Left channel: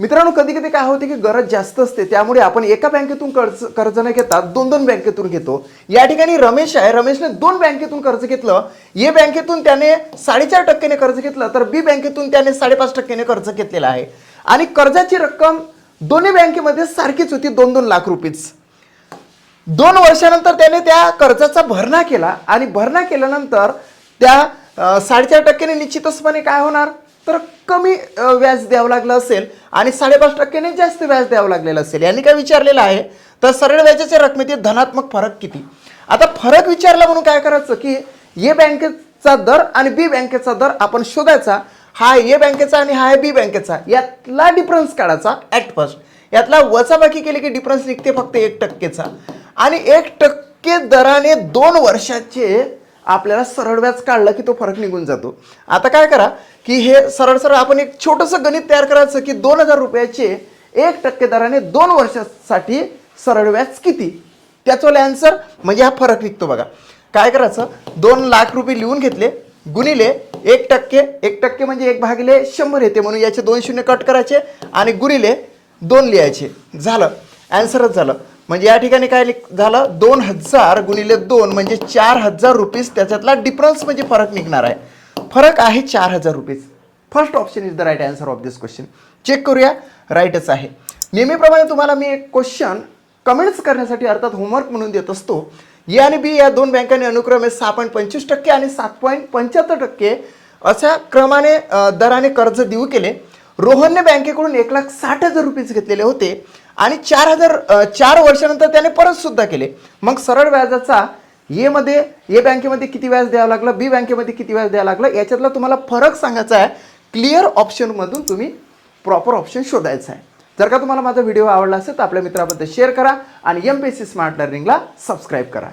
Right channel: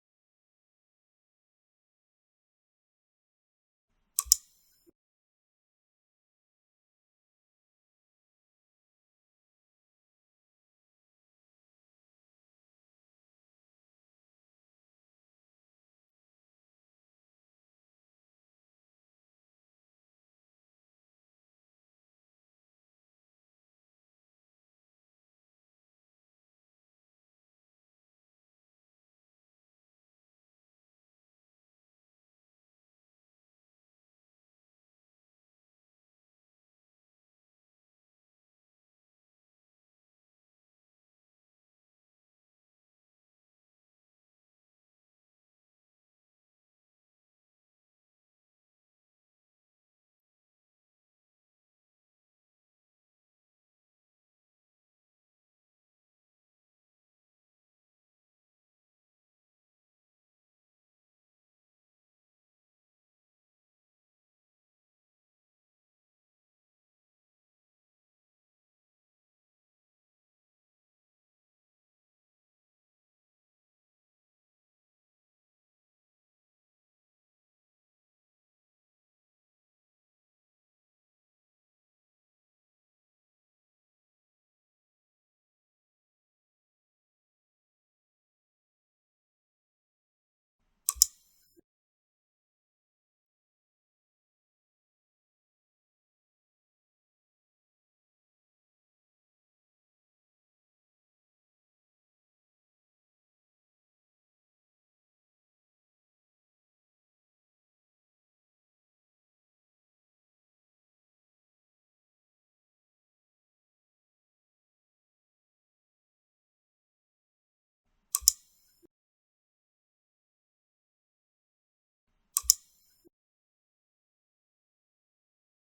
मित्रांनो कधी कधी काय होते की गरज जास्त असते त्यामुळे आपण एका बँकेतून कर्ज कर्ज न घेता दोन दोन बँकेतून घेतो. या ठिकाणी रमेश आहे रमेशने दोन बँकेतून कर्ज घेतलं. ए बँकेतून त्याने साडेचार टक्क्याने कर्ज घेतलं तर बी बँकेतून त्याने साडेपाच टक्क्याने कर्ज घेतलेलं आहे. आणि कर्जाची रक्कम दोन्ही बँकेमध्ये सारखीच होती दोन दोन लाख रुपीच दोन वर्षानंतर त्याने त्या कर्जाचा भरणा केला आणि भरणा केल्यानंतर त्या साडेचार टक्क्याने निश्चितचपणे काय होणार? तर कमी व्याज द्यावं लागलं असेल आणि साडेपाच टक्क्याने जास्त व्याज द्यावं लागलेलं असेल. यांनी काय विचारलेलं आहे? तर सरळ व्याजाच्या रकमेतील धनात्मक फरक किती? आता फरक विचारला म्हणून काय करायचं की ए बँकेचा दर आणि बी बँकेचा दर आपण शोधायचा. हा ए बँकेचा आणि हा आहे बी बँकेचा. यातला डिफरन्स काढायचा ॲट फर्स्ट यातला वचाबाकी केली की डिफरन्स निघते फक्त एक टक्केचा. आणि एक टक्के दराने दोन वर्षाचे आपल्याला सरळ व्याज काढलं की तो फरक निघून जातो. आता काय करा की हे सरळ सरळ आपण एक छोटंसं गणित तयार करायचं की दोन हजार रुपयाचे एक टक्के दराने दोन वर्षासाठी सरळ व्याज किती? त्याचवाला ॲन्सर म्हणजे हा फरक निघतो बघा. काय करायचं? दोन लाख रुपये लिहून घेतले गुणिले एक टक्के एक टक्के म्हणजे एक भागिले शंभर येते म्हणून याचे दोन शून्य कट करायचे आणि गुणिले दोन लिहायचे. झालं. ॲन्सरच झालं. म्हणजे या ठिकाणी काय लिख- झालं? दोन हजार गुणिले दोन म्हणजे चार हजार रुपीज त्याच्यातला डिफरन्स म्हणजे फरक निघणार आहे. फरक आहे चार हजार rupees first option is the right answer of this question check करूया. राईटच आहे. नेहमीप्रमाणे तुम्हाला मी एक क्वेश्चन कमेंट्स करण्यासाठी अर्थात होमवर्क म्हणून देत असतो. ए आणि बी या दोन बँकांनी अनुक्रमे सहा पॉईंट पंचवीस टक्के आणि सात पॉईंट पंच्याहत्तर टक्के अशा क्रमाने दराने कर्ज देऊ केले. रोहनने बँकेकडून एक लाख साठ हजार रुपीज घेतलेले होते. आणि चार हजार चार वर्षानंतर त्याने परत सुद्धा केले. मग सरळ व्याजाचा ए मध्ये ए बँकेमध्ये किती व्याज द्यावं लागलं बी बँकेमध्ये किती व्याज द्यावं लागलं याच्यातला तुम्हाला फरक सांगायचा आहे. क्लिअर ऑप्शनमधून तुम्ही प्रॉपर ऑप्शन शोधायचा आहे. जर का तुम्हाला माझा व्हिडिओ आवडला असेल तर आपल्या मित्राबद्दल शेअर करा आणि M P S C smart लर्निंगला subscribe करा.